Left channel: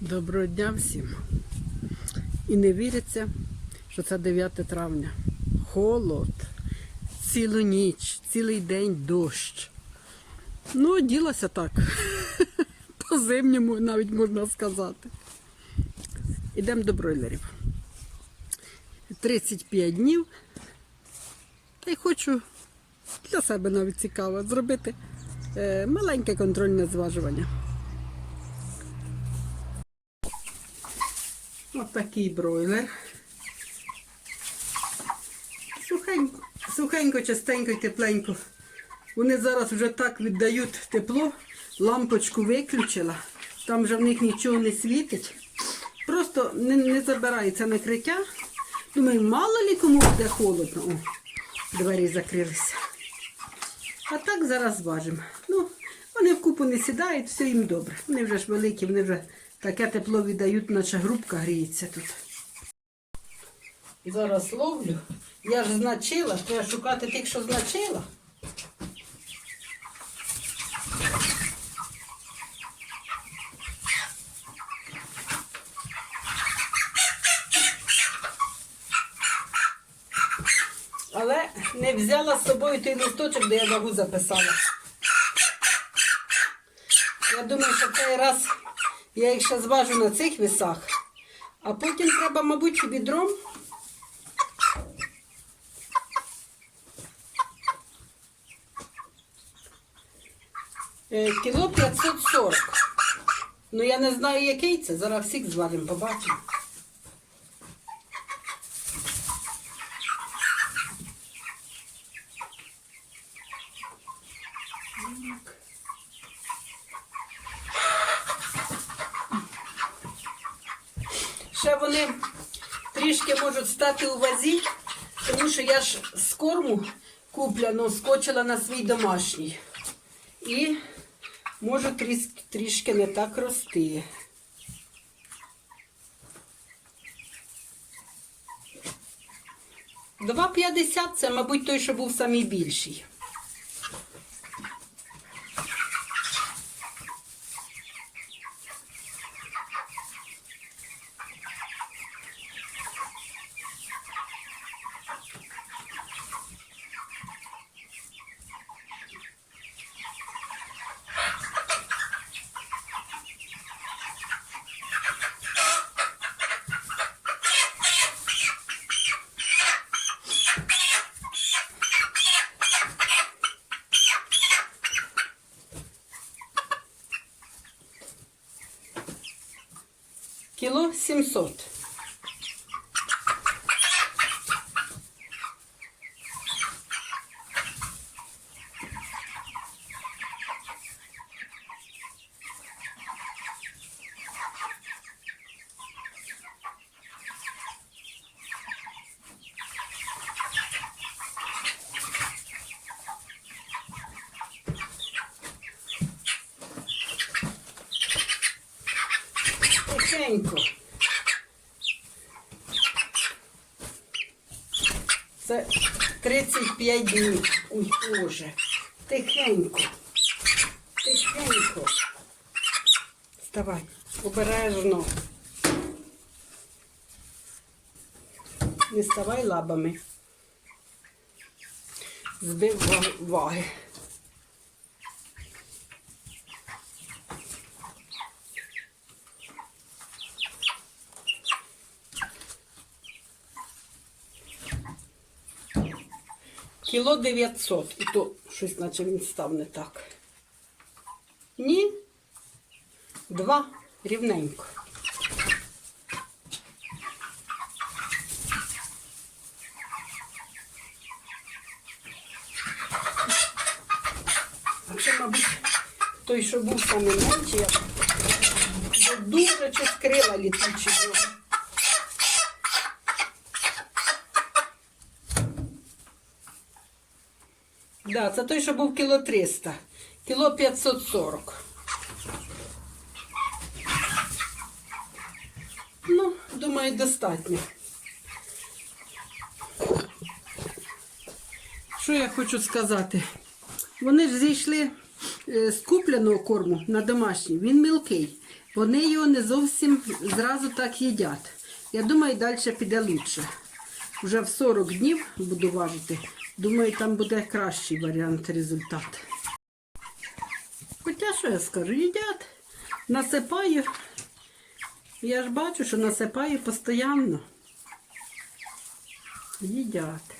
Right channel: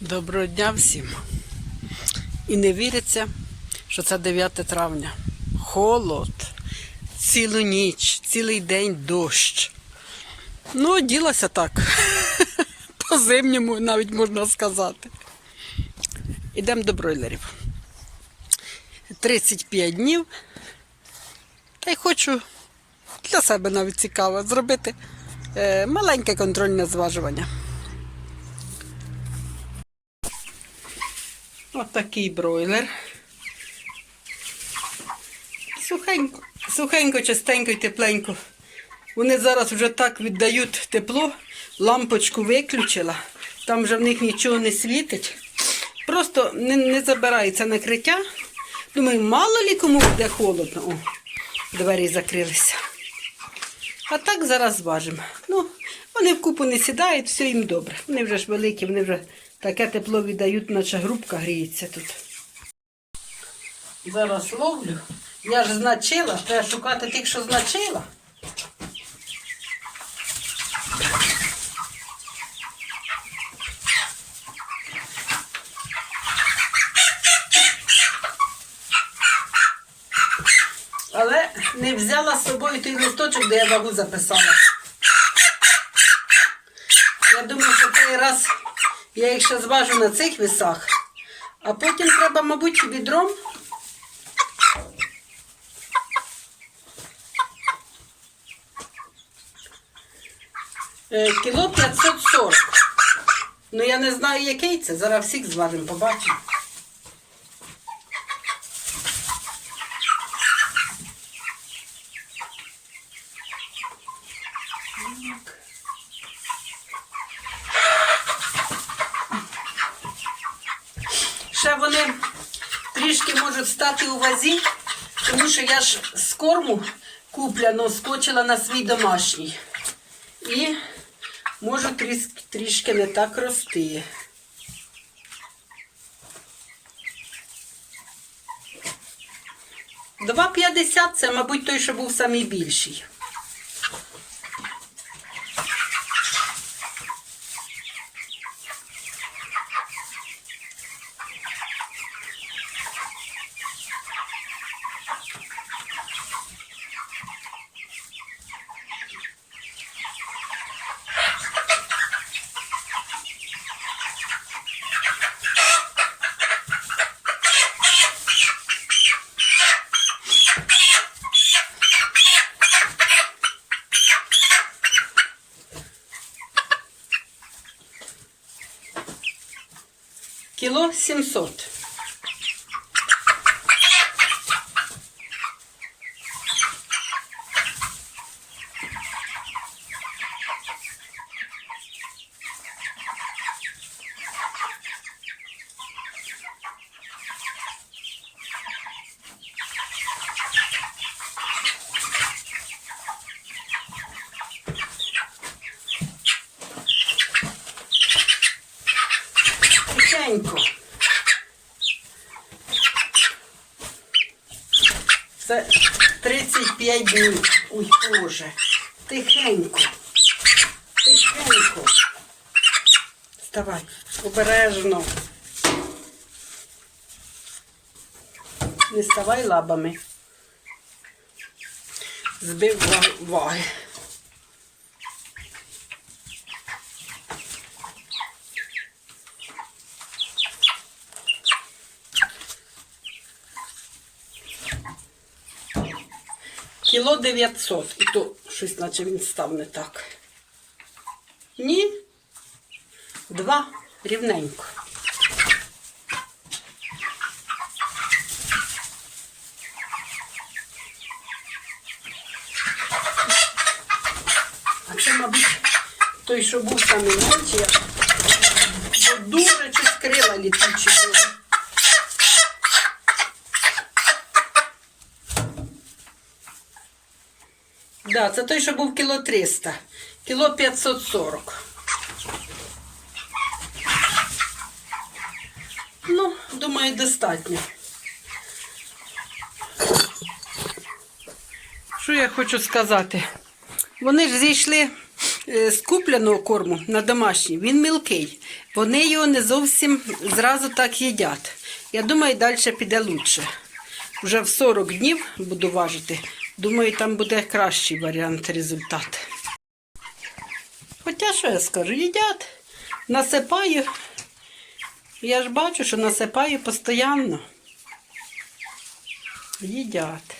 Доброго дня всім. І не віриться, що це 9 травня. Холод, цілу ніч, цілий день дощ. Ну, ділася так. По зимньому навіть можна сказати. Ідемо до бройлерів. 35 днів. Та й хочу для себе навіть цікаво зробити е, маленьке контрольне зважування. Ось такий бройлер. Сухенько, сухенько, чистенько і тепленько. Вони зараз вже так віддають тепло, лампочку виключила, там вже в них нічого не світить. Просто не, не забирається накриття. Думаю, мало лі кому буде холодно. О, двері закрилися. А так зараз зважимо. Ну, вони в купу не сідають, все їм добре. Вони вже ж великі, вони вже таке тепло віддають, наче грубка гріється тут. Зараз ловлю. Я ж значила, треба шукати тих, що значила. Але не взяла з собою той листочок, де я вагу записала. Я думаю, що цей раз я їх ще зважу на цих вісах, а потім треба, мабуть, відром. Е, Кіло 540. Ну я не знаю, який це. Зараз всіх зважимо, побачимо. Ще вони трішки можуть стати у вазі, тому що я ж з корму купляно скочила на свій домашній. І можу трішки, не так рости. Два п'ятдесят це, мабуть, той, що був самий solto. Це 35 днів. Ой, Боже. Тихенько. Тихенько. Вставай. Обережно. Не ставай лабами. Збив ваги. Кіло 900. І то щось, наче він став не так. Ні. Два рівненько. А це, мабуть, той, що був самий менший, бо дуже чи скрила літучі були. Да, це той, що був кіло 300. Кіло 540. Ну, думаю, достатньо. Що я хочу сказати? Вони ж зійшли е, з купленого корму на домашній, він мілкий. Вони його не зовсім зразу так їдять. Я думаю, далі піде лучше. Вже в 40 днів буду важити. Думаю, там буде кращий варіант результат. Хоча що я скажу, їдять, насипаю. Я ж бачу, що насипаю постійно. Їдять.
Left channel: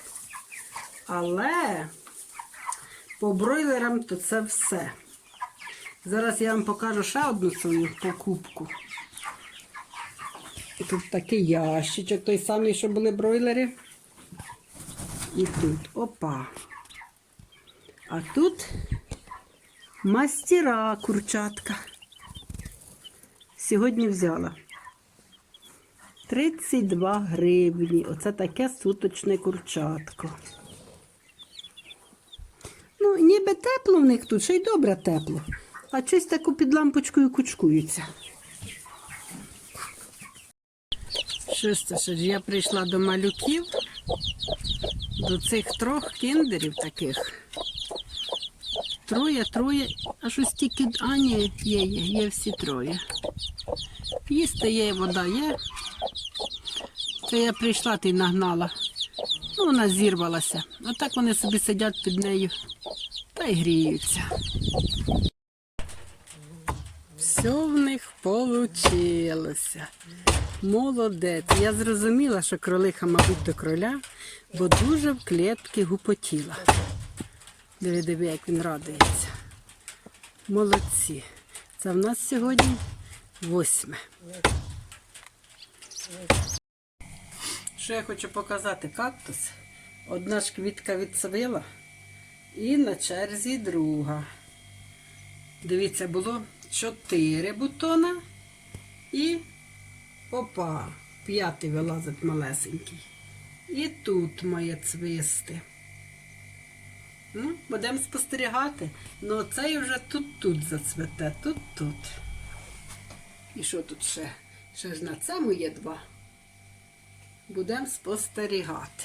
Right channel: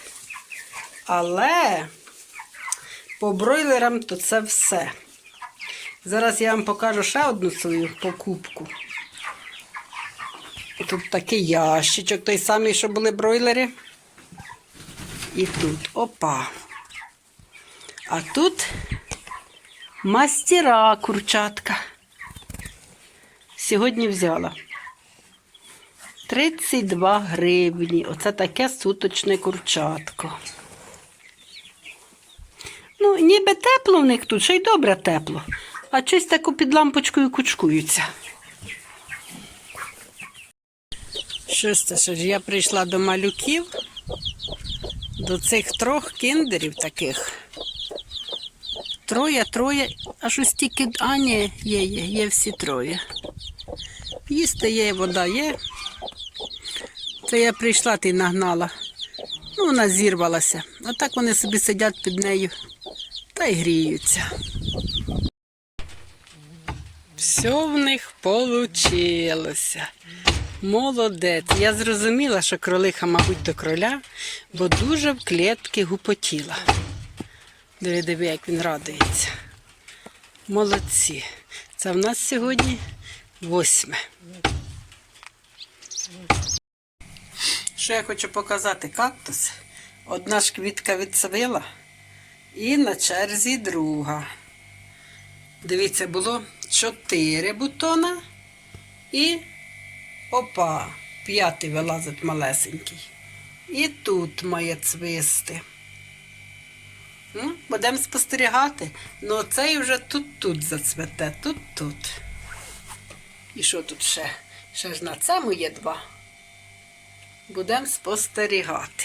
Але по бройлерам то це все. Зараз я вам покажу ще одну свою покупку. Тут такий ящичок, той самий, що були бройлери. І тут опа. А тут мастера курчатка. Сьогодні взяла. 32 гривні. Оце таке суточне курчатко. Ну, ніби тепло в них тут, ще й добре тепло. А щось таку під лампочкою кучкуються. Щось це що ж я прийшла до малюків, до цих трьох кіндерів таких. Троє, троє, а щось тільки. А, є, є, є всі троє. Їсти є, вода є. Це я прийшла ти нагнала. Ну, вона зірвалася. Отак вони собі сидять під нею та й гріються. Все в них получилося. Молодець. Я зрозуміла, що кролиха, мабуть, до кроля, бо дуже в клітки гупотіла. Диви, диви, як він радується. Молодці. Це в нас сьогодні восьме. Що я хочу показати кактус. Одна ж квітка відсвила і на черзі друга. Дивіться, було чотири бутона і опа, п'ятий вилазить малесенький. І тут має цвисти. Ну, будемо спостерігати. Ну, цей вже тут-тут зацвете, тут-тут. І що тут ще? Ще ж на цьому є два. Будемо спостерігати.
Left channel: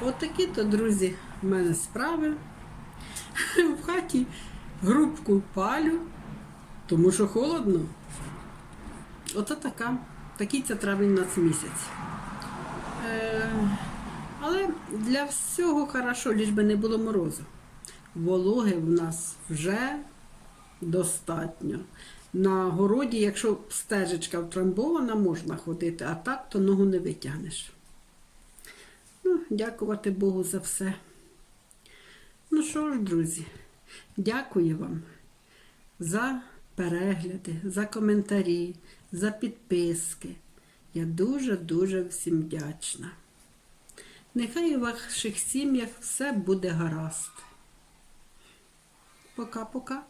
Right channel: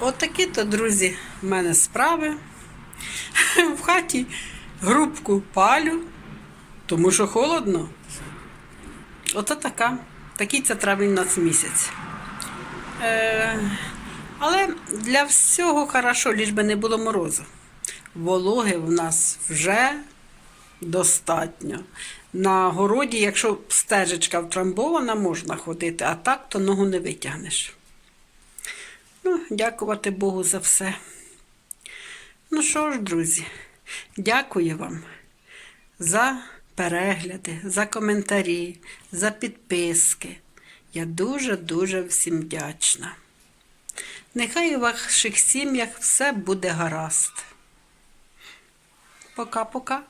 Отакі то, друзі, в мене справи. В хаті грубку палю, тому що холодно. Ото така. Такий це травень нас місяць. Е, але для всього хорошо, ліж би не було морозу. Вологи в нас вже достатньо. На городі, якщо стежечка втрамбована, можна ходити, а так то ногу не витягнеш. Ну, дякувати Богу за все. Ну що ж, друзі, дякую вам за перегляди, за коментарі, за підписки. Я дуже-дуже всім вдячна. Нехай у ваших сім'ях все буде гаразд. Пока-пока.